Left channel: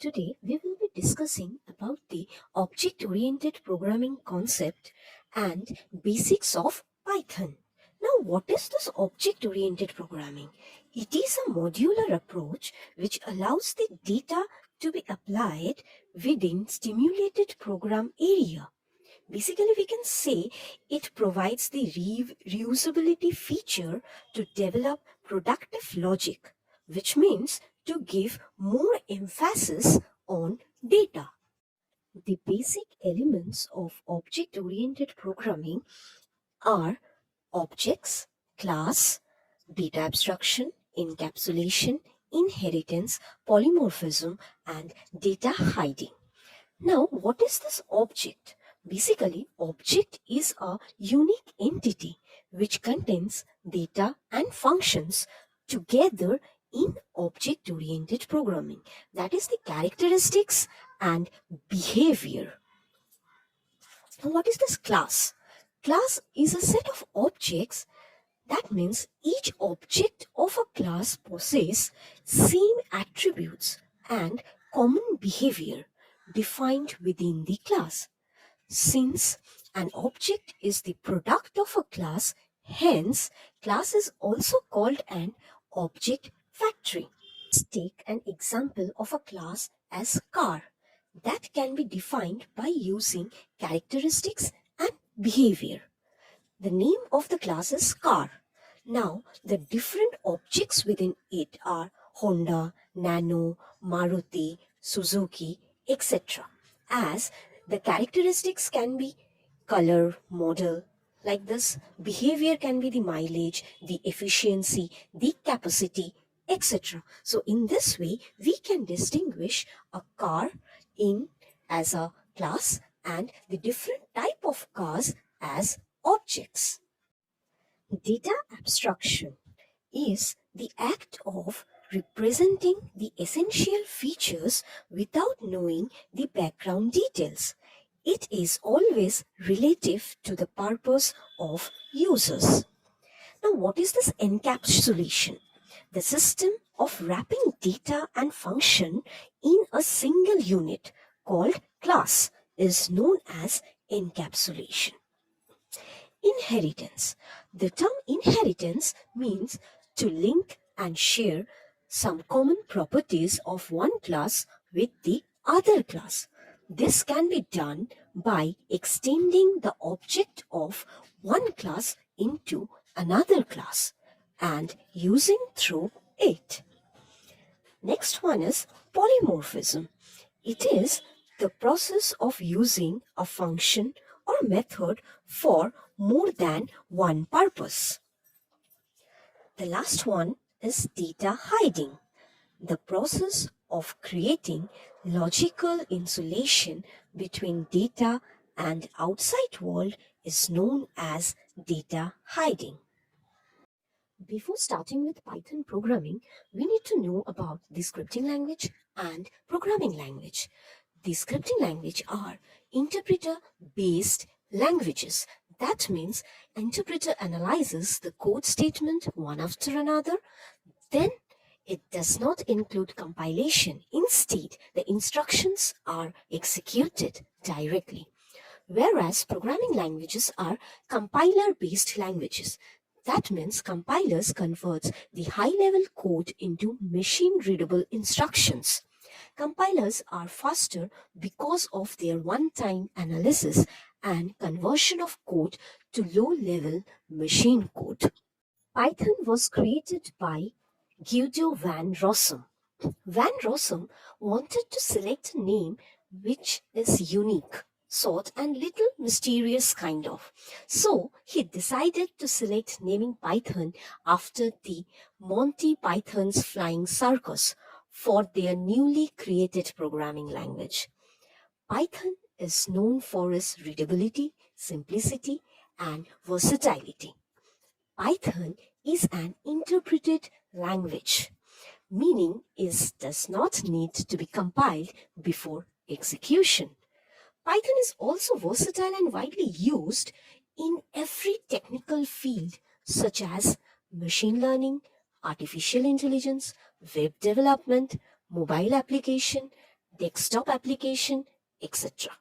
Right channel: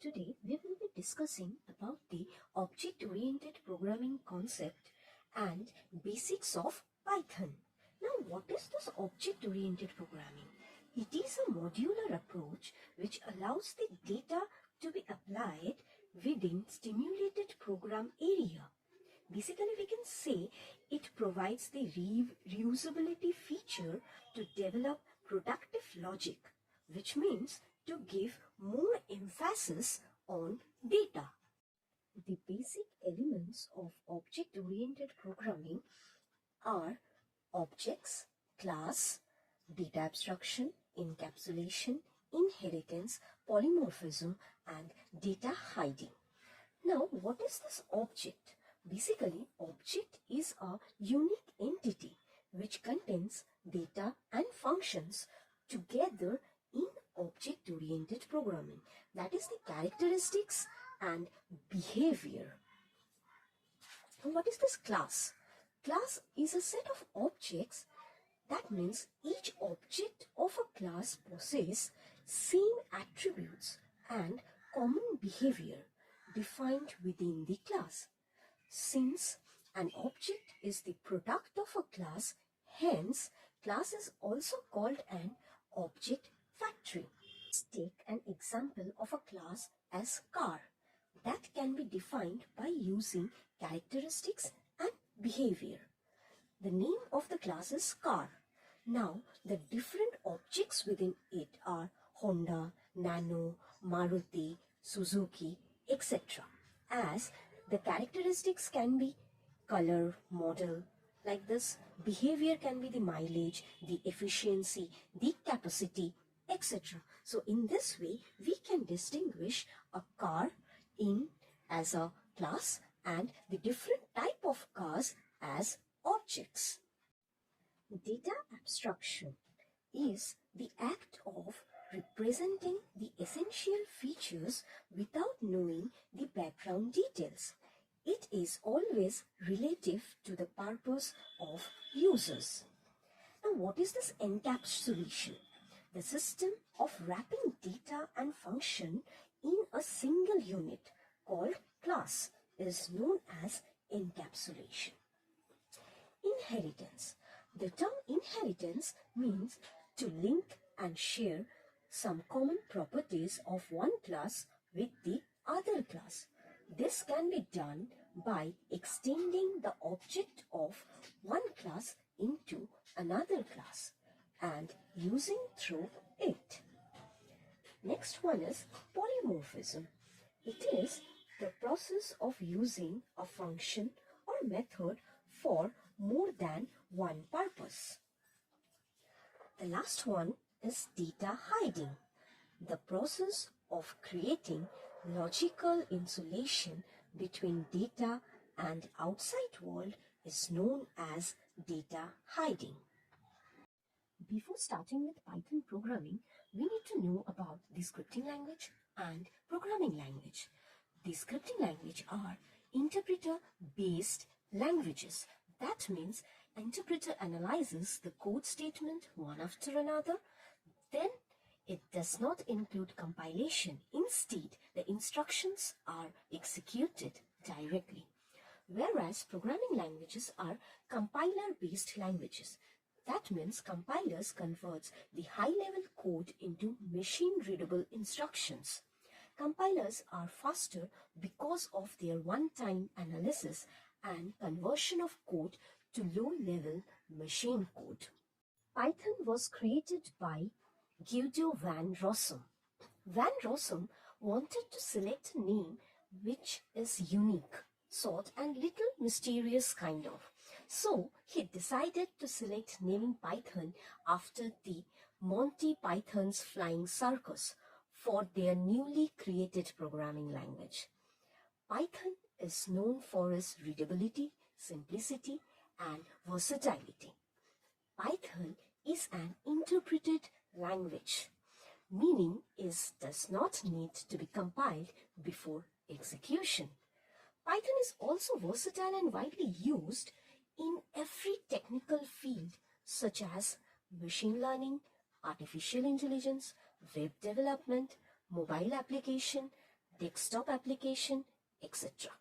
Today we will be discussing about the object-oriented programming concept and basics of Python. Now, what is this object-oriented programming? It is a modular approach which allows the data to be applied within stimulated program area. Basically, we can say it provides the reusability feature to develop productive logic, which means to give more emphasis on data. The basic elements of object-oriented programming are objects, class, data abstraction, encapsulation, inheritance, polymorphism, and data hiding. Now, what is this object? Basically, object is a unique entity which contains data and functions together in object-oriented programming. That is the characteristics and behavior. Now, what is this class? Class is a set of objects. That means each object of a class possesses same attributes and common behavior defined within the class. Since an object is the product of a class, hence class is also called an object factory. Let's take an example of a class as car that can be defined by using characteristics and behavior. The name of the class is car. Now, the different objects within it are Honda, Nano, Maruti, Suzuki, etc. As the characteristics can be color, model, like this, behavior can be the mileage, the efficiency, the capacity, etc. So, in this way, we can distinguish a car in as a class and the different type of cars as objects. Data abstraction is the act of representing the essential features without knowing the background details. It is always relative to the purpose of users. Now, what is this encapsulation? The system of wrapping data and function in a single unit called class is known as encapsulation. Inheritance. The term inheritance means to link and share some common properties of one class with the other class. This can be done by extending the object of one class into another class and using through it. Next one is polymorphism. It is the process of using a function or method for more than one purpose. The last one is data hiding, the process of creating logical insulation between data and outside world is known as data hiding. Before starting with Python programming, we need to know about the scripting language and programming language. The scripting language are interpreter-based languages. That means interpreter analyzes the code statement one after another. Then it does not include compilation. Instead, the instructions are executed directly. Whereas programming languages are compiler-based languages. That means compilers converts the high-level code into machine-readable instructions. Compilers are faster because of their one-time analysis and conversion of code to low-level machine code. Python was created by Guido van Rossum. Van Rossum wanted to select a name which is unique, short and little mysterious kind of. So he decided to select naming Python after the Monty Python's Flying Circus for their newly created programming language. Python is known for its readability, simplicity, and versatility. Python is an interpreted language, meaning it does not need to be compiled before execution. Python is also versatile and widely used in every technical field such as machine learning, artificial intelligence, web development, mobile application, desktop application, etc.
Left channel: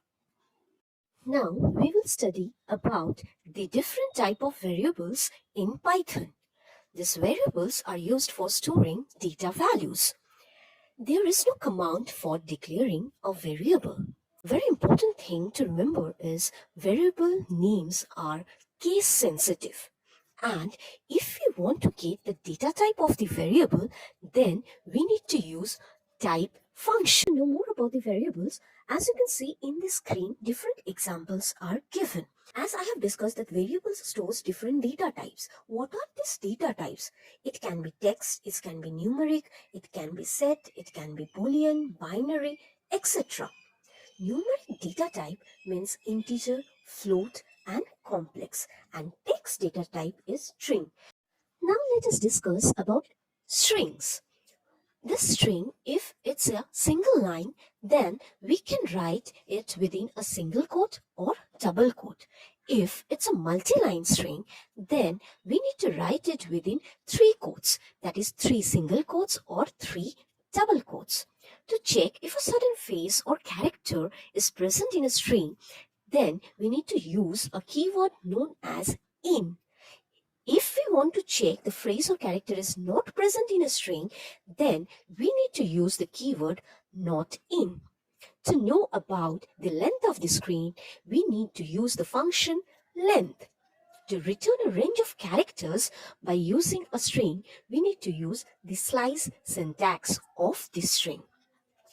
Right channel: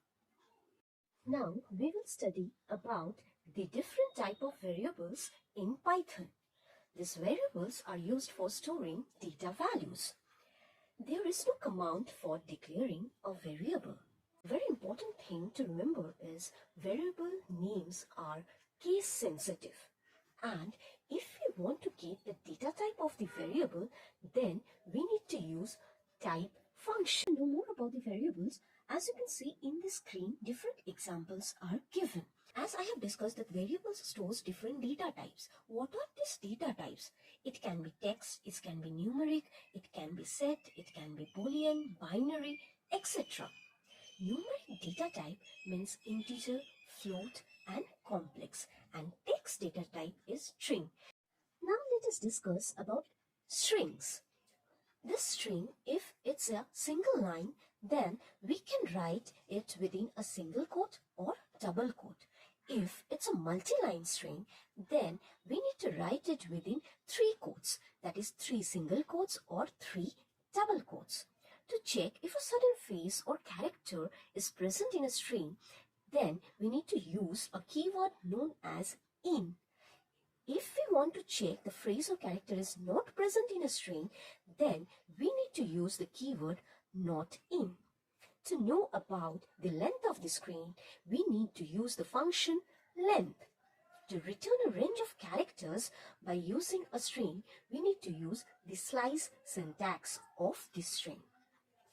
Now we will study about the different type of variables in Python. These variables are used for storing data values. There is no command for declaring a variable. Very important thing to remember is variable names are case sensitive. And if we want to get the data type of the variable, then we need to use type function. To know more about the variables, as you can see in the screen, different examples are given. As I have discussed that variables stores different data types. What are these data types? It can be text, it can be numeric, it can be set, it can be boolean, binary, etc. Numeric data type means integer, float, and complex, and text data type is string. Now let us discuss about strings. This string, if it's a single line, then we can write it within a single quote or double quote. If it's a multi-line string, then we need to write it within 3 quotes, that is 3 single quotes or 3 double quotes. To check if a certain phrase or character is present in a string, then we need to use a keyword known as in. If we want to check the phrase or character is not present in a string, then we need to use the keyword not in. To know about the length of the string, we need to use the function length. To return a range of characters by using a string, we need to use the slice syntax of the string.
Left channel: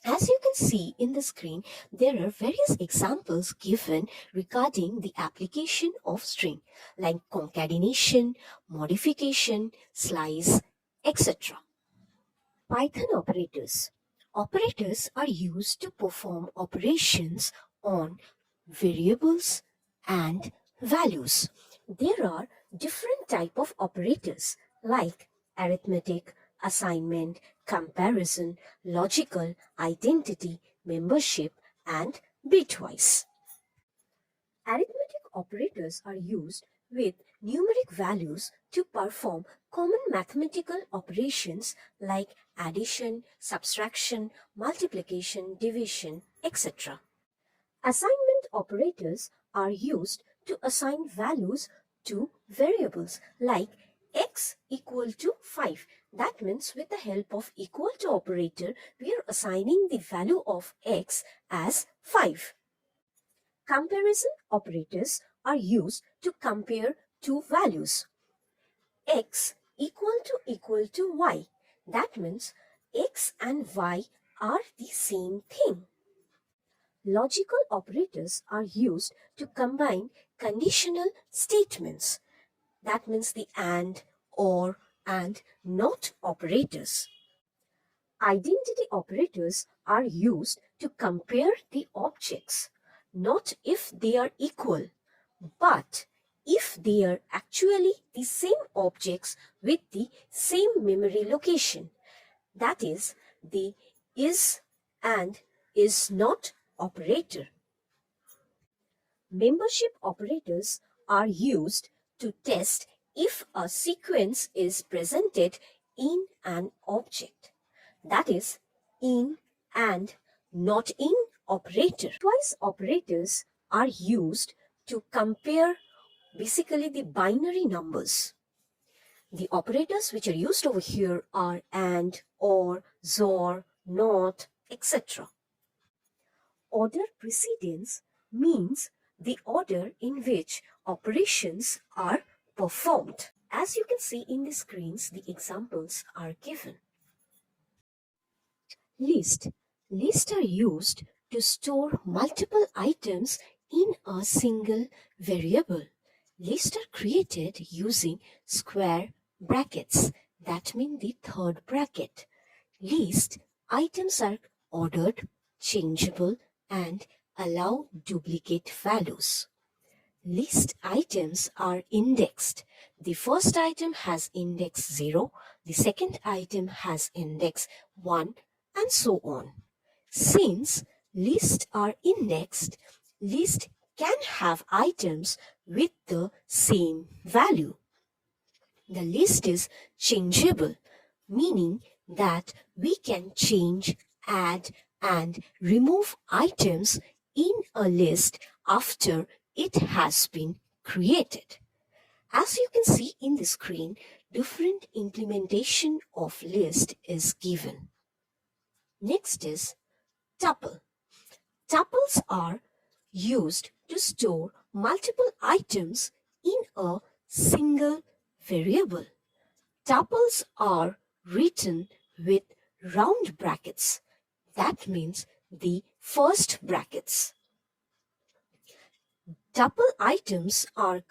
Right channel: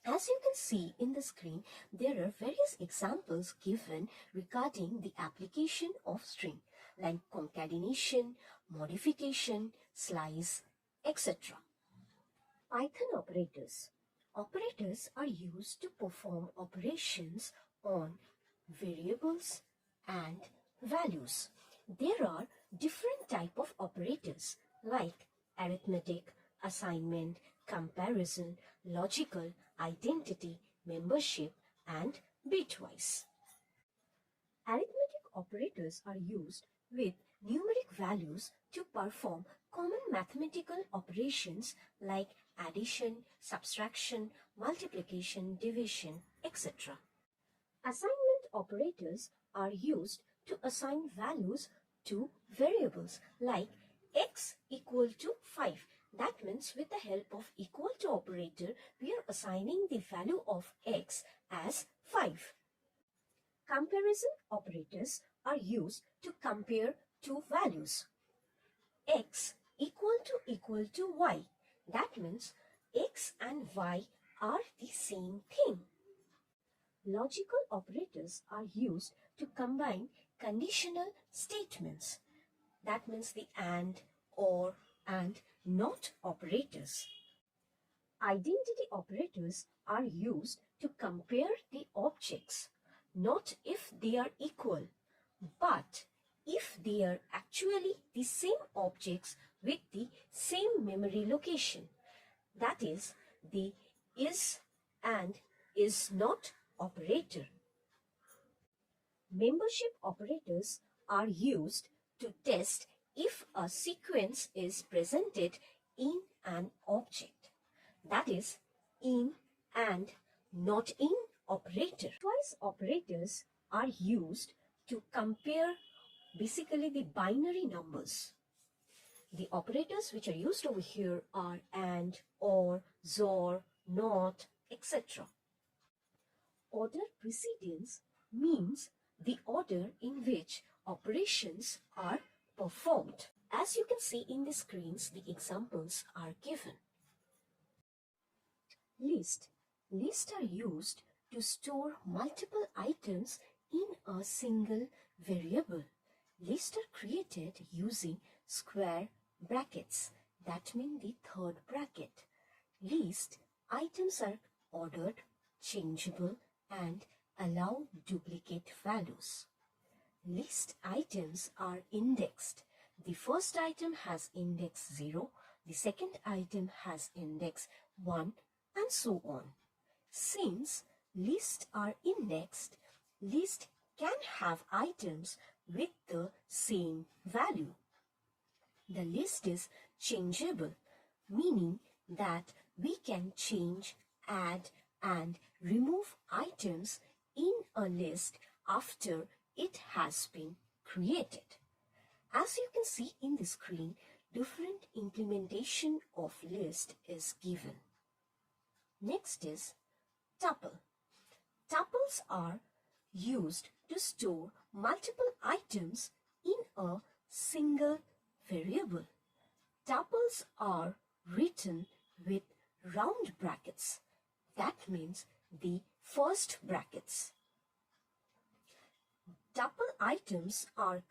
As you can see in the screen, there are various examples given regarding the application of string, like concatenation, modification, slice, etc. Python operators. Operators are used to perform operations on variables and values. There are different type of operators like arithmetic, assignment, comparison, logical, identity, membership, and bitwise. Arithmetic operators are used with numeric values to perform common mathematical operations like addition, subtraction, multiplication, division, etc. Assignment operators are used to assign values to variables like x equal to 5. That means with the help of equal to operator, we are assigning the value of x as 5. Comparison operators are used to compare two values. X equal to y. That means x and y are the same thing. Logical operators are used to combine conditional statements. That means the and, or, and not operators. Identity operators are used to compare the objects, not if they are equal, but if they are actually the same objects with the same memory location. That is the is and is not operator. Membership operators are used to test if a sequence is presented in an object. That is, in and not in operator. Twice operators are used to compare basically the binary numbers. The operators which are used over here are and, or, XOR, NOT, etc. Order precedence means the order in which operations are performed. As you can see in the screens, the examples are given. List. Lists are used to store multiple items in a single variable. Lists are created using square brackets. That means the third bracket. List items are ordered, changeable, and allow duplicate values. List items are indexed. The first item has index 0, the second item has index 1, and so on. Since lists are indexed, list can have items with the same value. The list is changeable, meaning that we can change, add, and remove items in a list after it has been created. As you can see in the screen, different implementation of list is given. Next is tuple. Tuples are used to store multiple items in a single variable. Tuples are written with round brackets. That means the first brackets. Tuple items are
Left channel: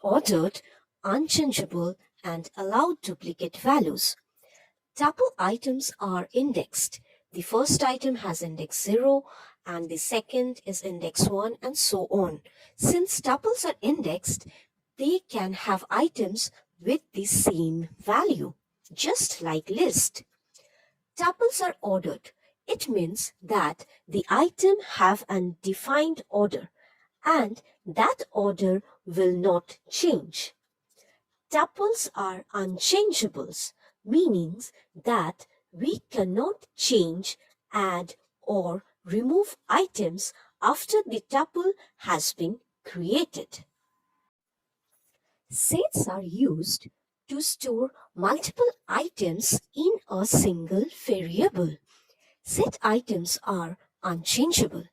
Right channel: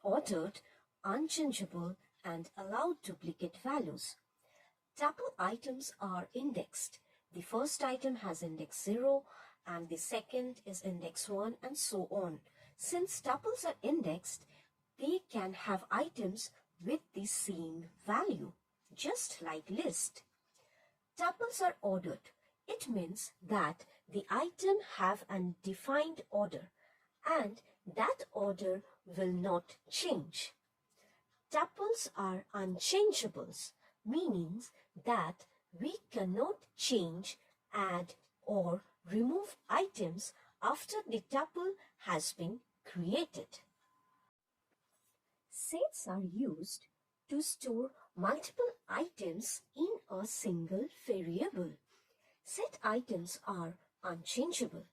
ordered, unchangeable, and allow duplicate values. Tuple items are indexed. The first item has index 0 and the second is index 1 and so on. Since tuples are indexed, they can have items with the same value, just like list. Tuples are ordered. It means that the item have a defined order and that order will not change. Tuples are unchangeables, meaning that we cannot change, add, or remove items after the tuple has been created. Sets are used to store multiple items in a single variable. Set items are unchangeable,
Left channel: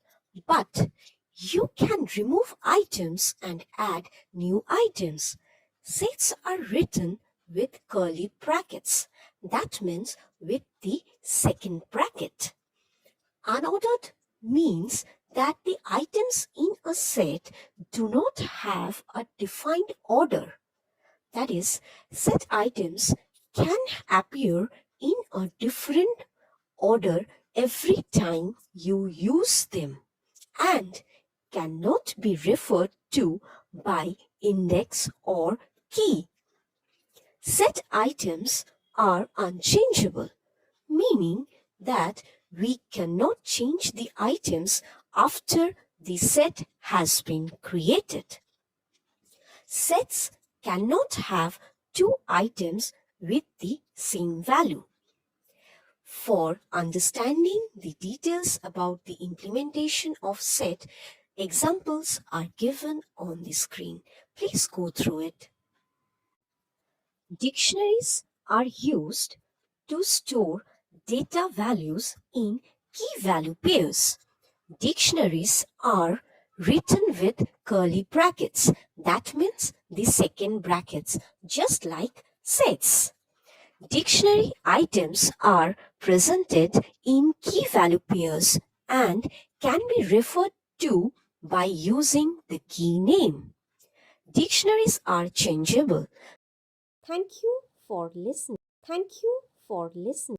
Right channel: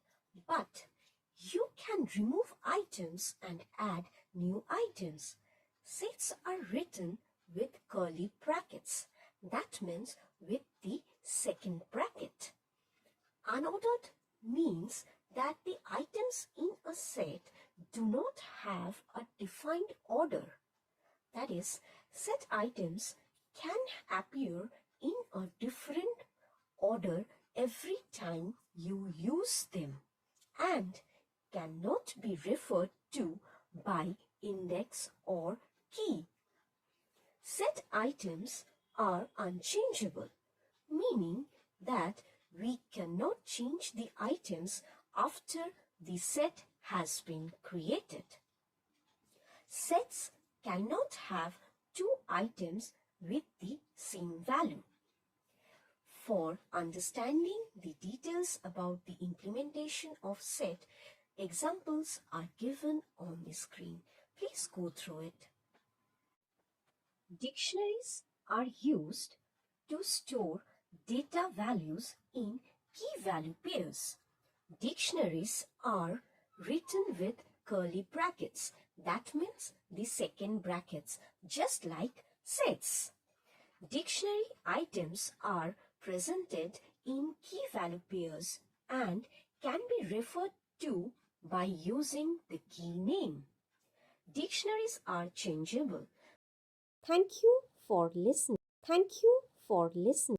but you can remove items and add new items. Sets are written with curly brackets. That means with the second bracket. Unordered means that the items in a set do not have a defined order. That is, set items can appear in a different order every time you use them and cannot be referred to by index or key. Set items are unchangeable, meaning that we cannot change the items after the set has been created. Sets cannot have two items with the same value. For understanding the details about the implementation of set, examples are given on the screen. Please go through it. Dictionaries are used to store data values in key value pairs. Dictionaries are written with curly brackets. That means the second brackets, just like sets. Dictionary items are presented in key value pairs and can be referred to by using the key name. Dictionaries are changeable. Thank you for listening. Thank you for listening.